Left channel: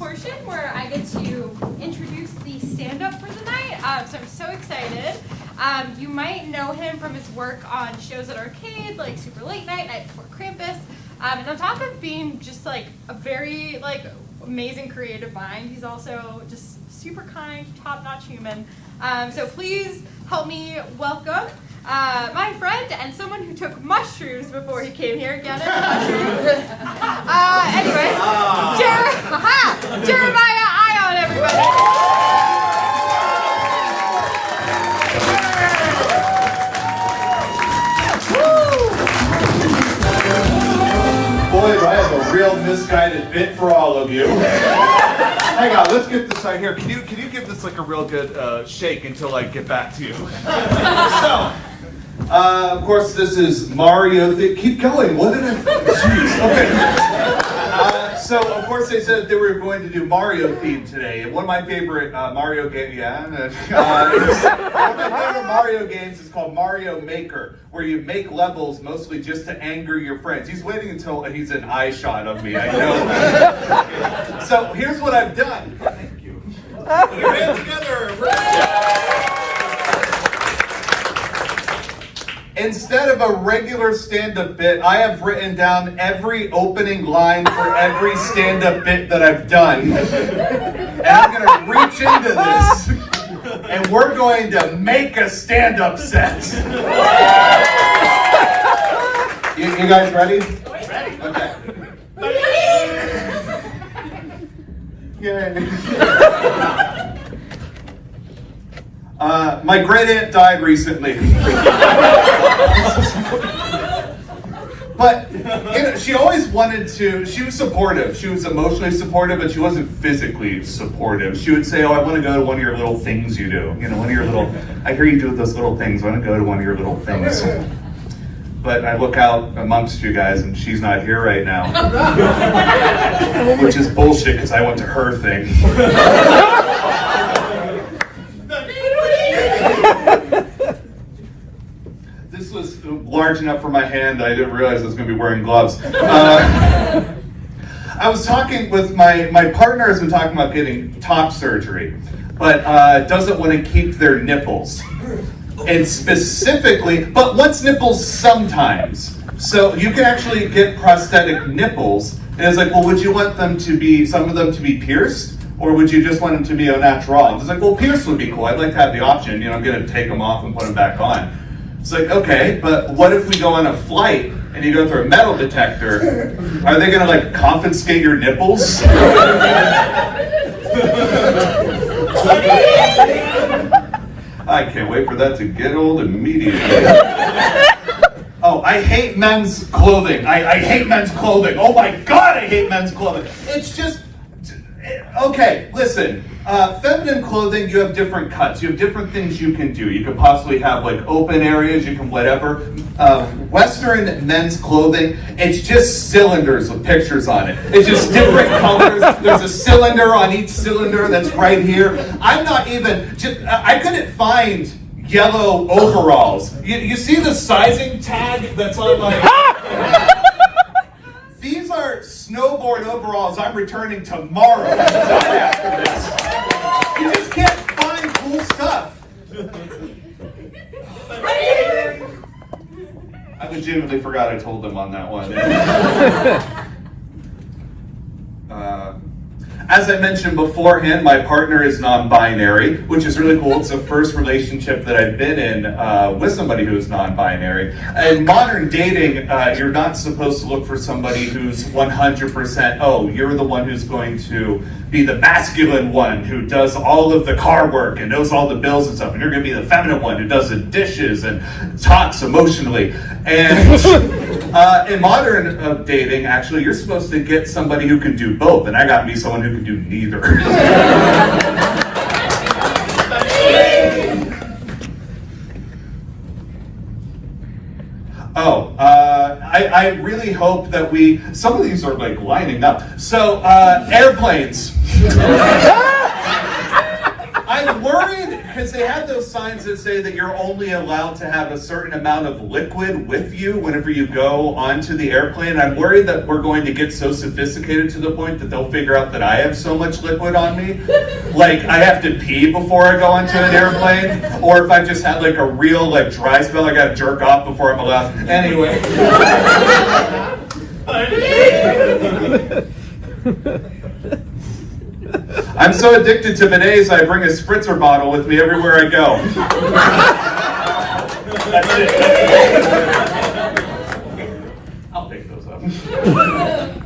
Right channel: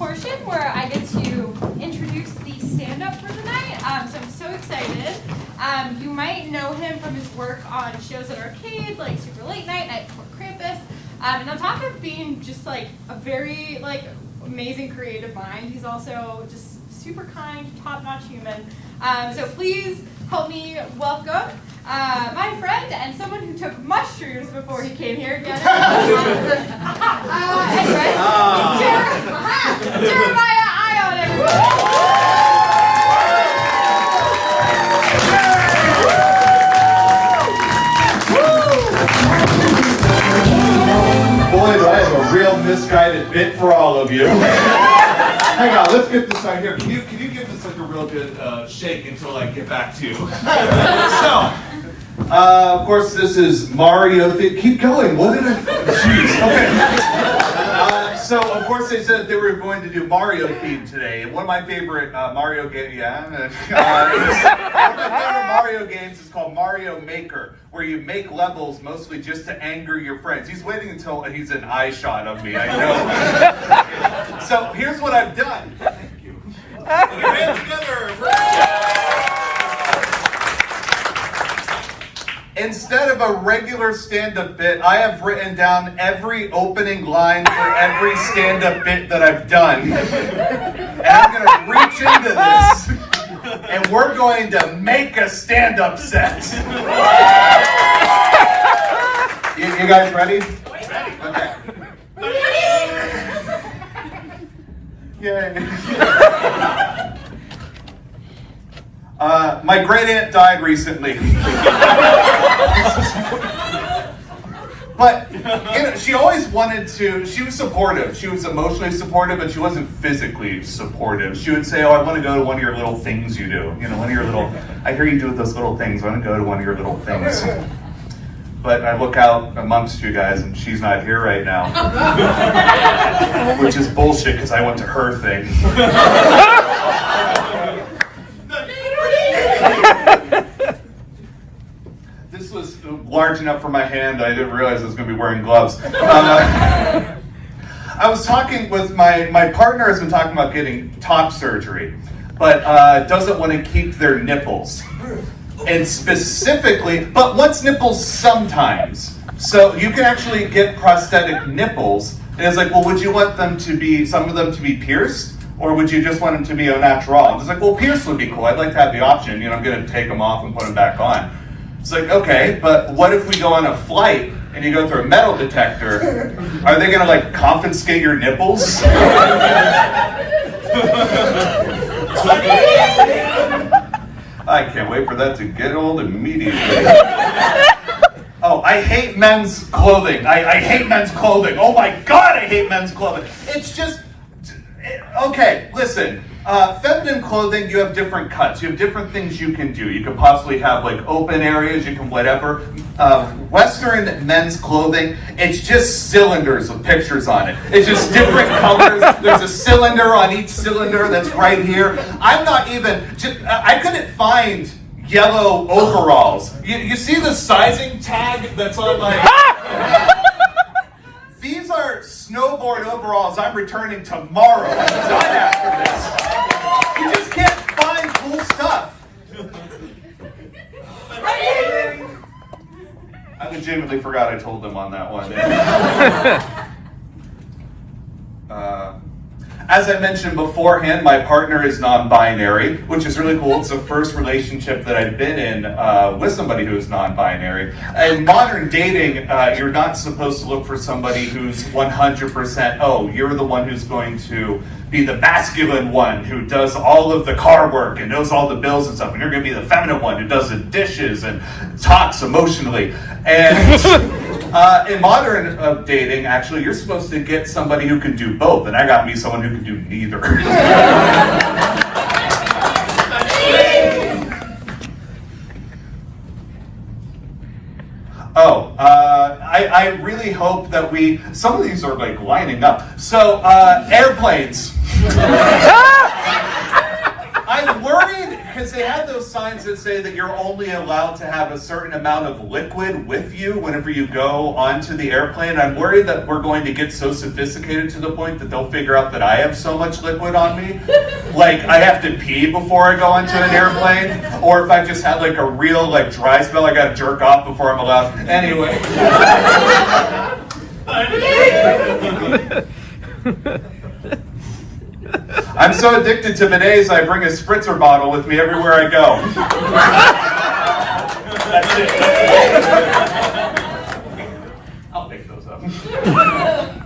portion where I get to introduce the stand-up for the night. So I'm so excited. You might know him from his work on shows at Arcade, like Super Late Night, Night Before Krampus. And on top of being just like a very amazing creative mind, he's also just super kind, top-notch human. So please help me welcome my friend and someone who took mushrooms before he came here. Get it? Anyway, Jeremiah Ion, everybody. Boy, do I have a real misguided bit for all of you. Hang on, let's get this right here. Can you give this like a real good shake until I get back to you? So, of course, this is Mario. Keep going. What did I? Jeez. Okay. So, of course, they said they were going to do Mario theme today. And one of my favorite Mario games, one of my favorite Mario games is called Mario Maker, where you make levels mostly just to anger your friends. He's waiting until he's an eye shot of me, I know. So, here's what I've done. Thank you. Put your hands together. Instead of a regular stand-up bit, I have written down every opening line for every stand-up bit that I've done. And I'm going to reach into this, and we're going to make a stand-up set. You guys ready? Ready. Okay. Yay. My great aunt died recently. But she always wanted to, she was supportive. She was emotionally supportive, but she wasn't physically supportive. She would say, oh, I want to go to one of your little things you do. You know, one of your little, I hear you do those little things. I want to go to one of your little things. But I look out amongst you guys, and she's not here right now. Which is bullshit, because I went to her thing. This was large enough for my hand. I didn't realize I was going to be wearing gloves. I was talking with my partner has been talking about getting top surgery, but doesn't want to keep their nipples. And specifically, but what's nipples sometimes? So you can actually get prosthetic nipples. And it's like, well, would you want them to be, some of them to be pierced? Or would you just want them to be au natural? It's like, well, pierced would be cool. I'd like to have the option. You know, I'm going to take them off and put them back on. It's like, okay, but what if we go on a flight and you go through a metal detector? Are they going to, like, confiscate your nipples? I can't wait for that to get old immediately. Oh, I hate men's clothing. I hate men's clothing. Oh my God, I hate men's clothing. It's just... Okay, listen, feminine clothing, you have different cuts. You have different things you can do. You could possibly have like open areas, you can whatever. Western men's clothing, it's just cylinders with pictures on it. It's just different colors. There's a cylinder on each cylinder that's right here. I'm not even, I couldn't find yellow overalls. You see the sizing tag that's on my... These are snowboard overalls I'm returning tomorrow. After this. You just can't find cool stuff. I legitimately forgot I told them on that one. As I mentioned beforehand, my partner is non-binary, which is really cool. It's the first relationship that I've been in with somebody who is non-binary. In modern dating, you're not supposed to look for somebody who's 100%, oh, you're the one who's going to be the masculine one who does all of the car work and knows all the bills and stuff, and you're going to be the feminine one who does the dishes and talks emotionally. And in modern dating, actually, you're supposed to get somebody who can do both, and I got me someone who can do neither. I really hope that some of these are like lining up. So, airplanes. I'm worried because they have those signs that say that you're only allowed to have a certain amount of liquid with you whenever you go onto the airplane. I'm worried that we're going to get so sophisticated to the point that they'll figure out that I have so much liquid on me. Like, I have to pee before I go onto an airplane, or if I just had like a real like dry spell, I gotta jerk off before I'm allowed. Anyway. I'm so addicted to bidets, I bring a spritzer bottle with me everywhere I go. That's it. I'll pick those up.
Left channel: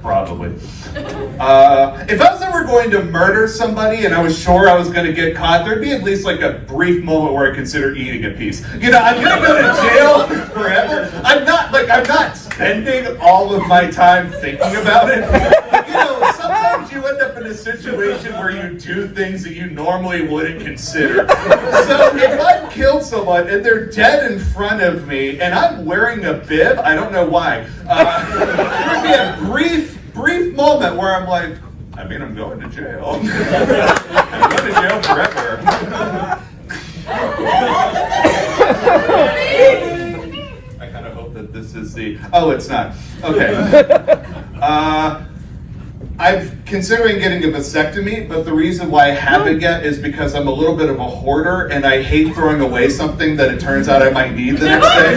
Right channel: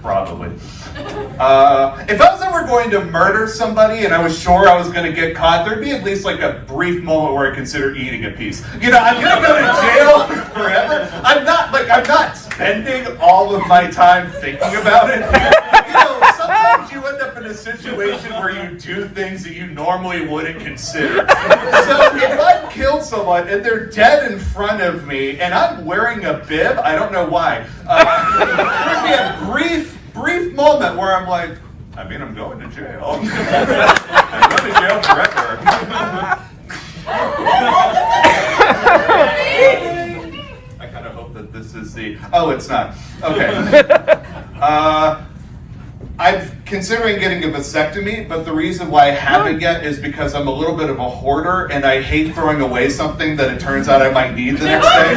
Probably. If I was ever going to murder somebody and I was sure I was going to get caught, there'd be at least like a brief moment where I consider eating a piece. You know, I'm going to go to jail forever. I'm not spending all of my time thinking about it. You know, sometimes you end up in a situation where you do things that you normally wouldn't consider. So if I've killed someone and they're dead in front of me and I'm wearing a bib, I don't know why, there'd be a brief moment where I'm like, I mean, I'm going to jail. I'm going to jail forever. I kind of hope that this is the... Oh, it's not. Okay. I'm considering getting a vasectomy, but the reason why I haven't yet is because I'm a little bit of a hoarder and I hate throwing away something that it turns out I might need the next day.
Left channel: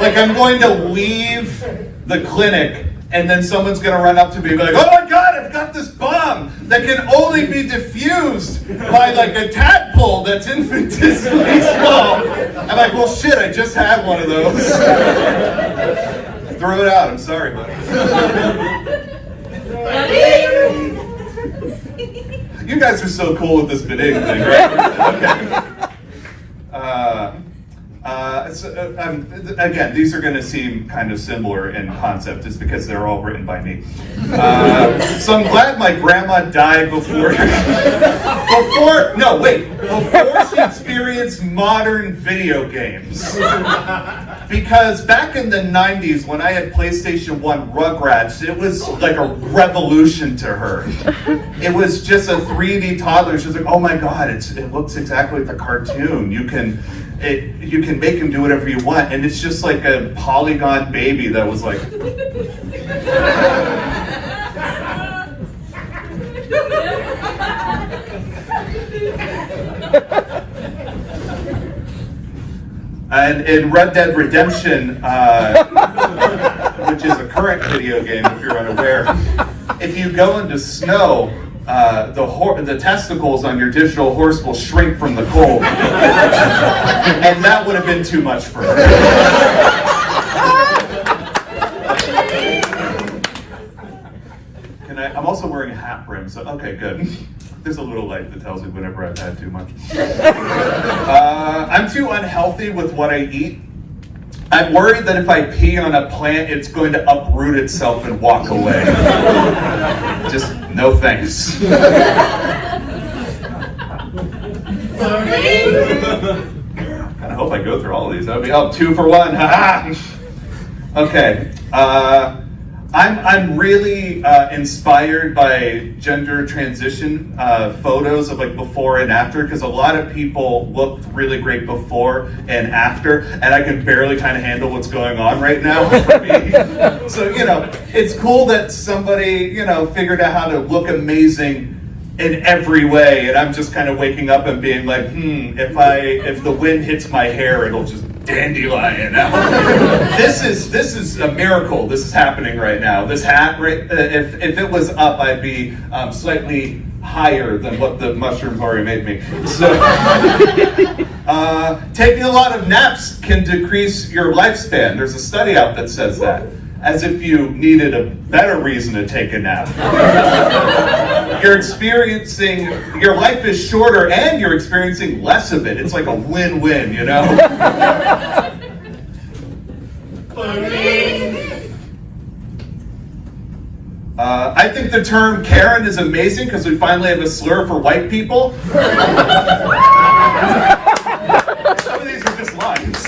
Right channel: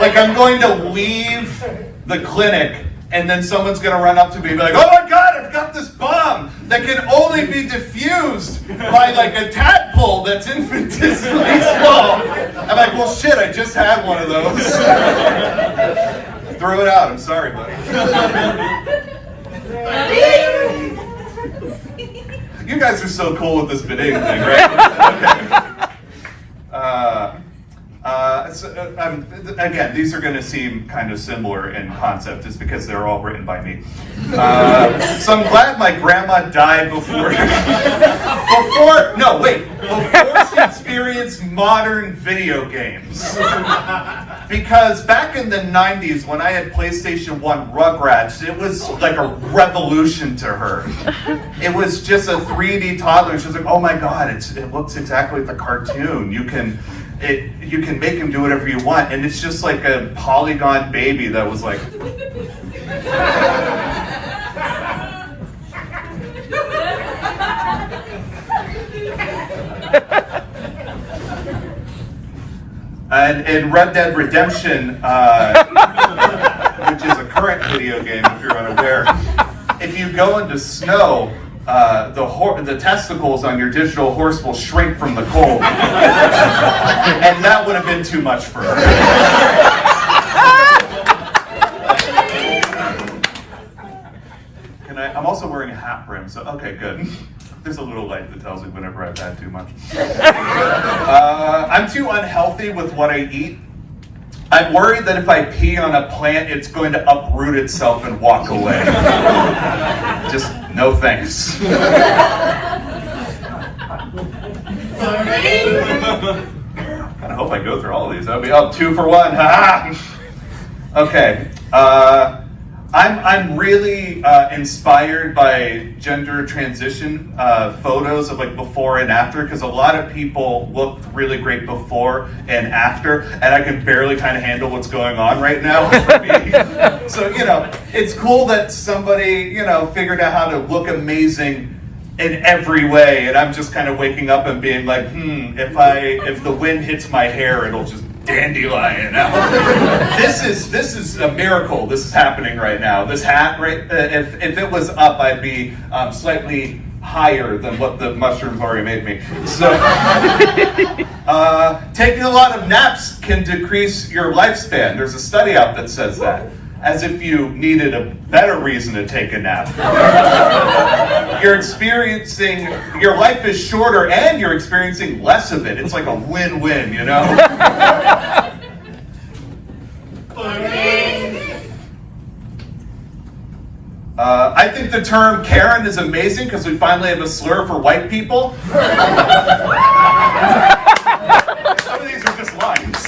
Like, I'm going to leave the clinic and then someone's going to run up to me and be like, oh my God, I've got this bomb that can only be diffused by like a tadpole that's infinitesimally small. I'm like, well shit, I just had one of those. Throw it out, I'm sorry, buddy. You guys are so cool with this bidet thing, right? Okay. Again, these are going to seem kind of similar in concept just because they're all written by me. So I'm glad my grandma died before she experienced modern video games. Because back in the 90s, when I had PlayStation 1 Rugrats, it was like a revolution to her. It was just a 3D toddler. She was like, oh my God, it looks exactly like the cartoon. You can make him do whatever you want. And it's just like a polygon baby that was like... And in Red Dead Redemption, which is a current video game if you're unaware, if you go into snow, the testicles on your digital horse will shrink from the cold. And that would have been too much for her. I'm also wearing a hat brim, so okay, good. There's a little light that tells me whenever I've had too much. I'm too unhealthy with what I eat. I'm worried that if I pee on a plant, it's going to uproot itself and walk away. Just no thanks. I hope I go through all of these. That'll be 2 for 1. Ha-ha! Okay. I'm really inspired by gender transition photos of like before and after, because a lot of people look really great before and after, and I can barely kind of handle what's going on right now for me. So, you know, it's cool that somebody, you know, figured out how to look amazing in every way, and I'm just kind of waking up and being like, if the wind hits my hair, it'll just dandelion out. This is a miracle. This is happening right now. This hat, if it was up, I'd be slightly higher than what the mushrooms already made me. So, taking a lot of naps can decrease your lifespan. There's a study out that says that. As if you needed a better reason to take a nap. Your life is shorter and you're experiencing less of it. It's like a win-win, you know? I think the term Karen is amazing because we finally have a slur for white people. Some of these are just lines.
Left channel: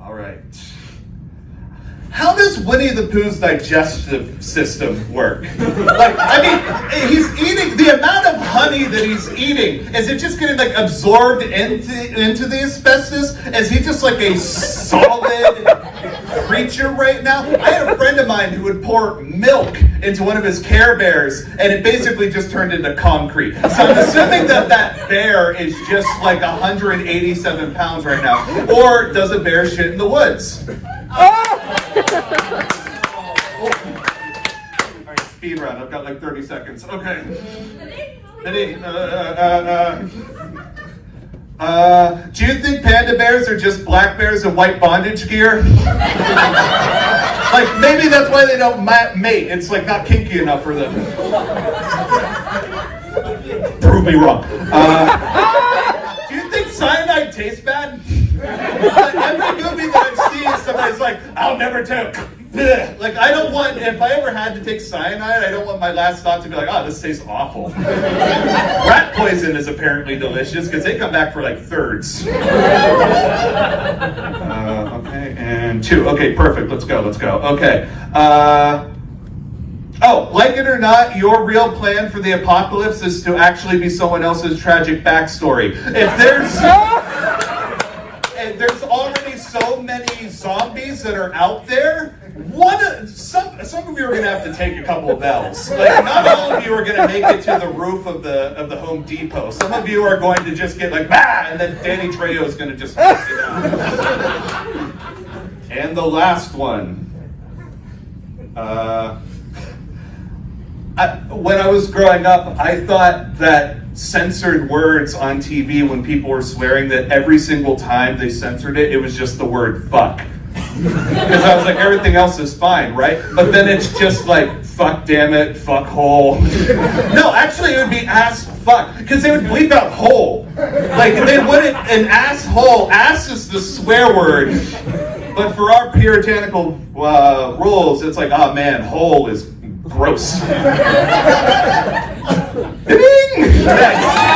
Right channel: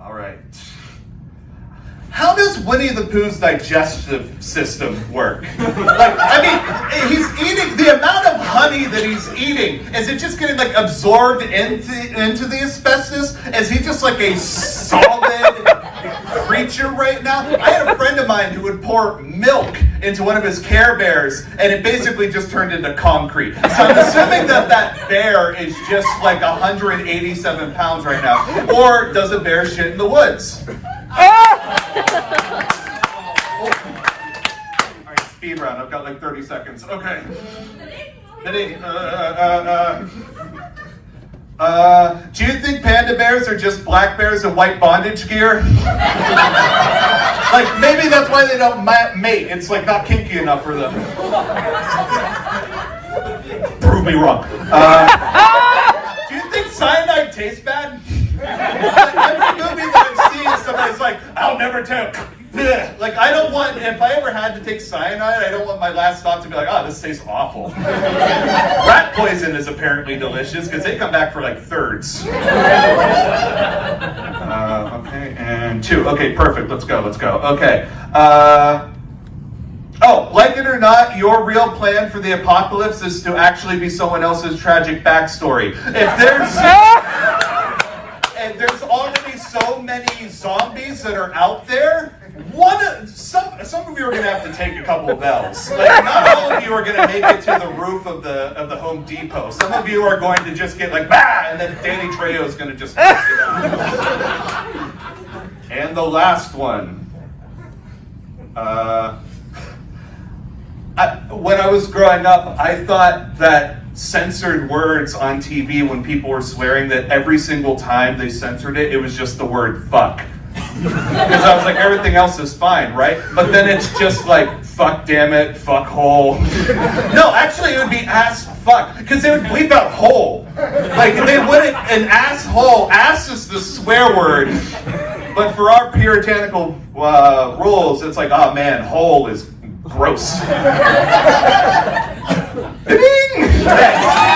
All right. How does does Winnie the Pooh's digestive system work? Like, I mean, he's eating, the amount of honey that he's eating, is it just getting, like, absorbed into the asbestos? Is he just, like, a solid creature right now? I had a friend of mine who would pour milk into one of his Care Bears, and it basically just turned into concrete. So I'm assuming that that bear is just, like, 187 pounds right now. Or does a bear shit in the woods? Alright, speed round. I've got like 30 seconds. Okay. Do you think panda bears are just black bears in white bondage gear? Like, maybe that's why they don't mate. It's like not kinky enough for them. Prove me wrong. Do you think cyanide tastes bad? Every movie that I've seen, somebody's like, I'll never take. Like, I don't want, if I ever had to take cyanide, I don't want my last thought to be like, oh, this tastes awful. Rat poison is apparently delicious because they come back for like thirds. Okay, and 2. Okay, perfect. Let's go. Okay. Oh, like it or not, your real plan for the apocalypse is to actually be someone else's tragic backstory. If there's already so many zombies that are out there, some of you are going to have to take a couple of L's. Like, not all of you are going to make it to the roof of the Home Depot. Some of you are going to just get like, bah! And then Danny Trejo is going to just knock it out. And the last one. When I was growing up, I thought that censored words on TV when people were swearing, that every single time they censored it, it was just the word fuck. Because I was like, everything else is fine, right? But then it's just like, fuck damn it, fuck hole. No, actually it would be ass fuck, because they would bleep out hole. Like, they wouldn't, an asshole, ass is the swear word. But for our puritanical rules, it's like, oh man, hole is gross. Ding! Next.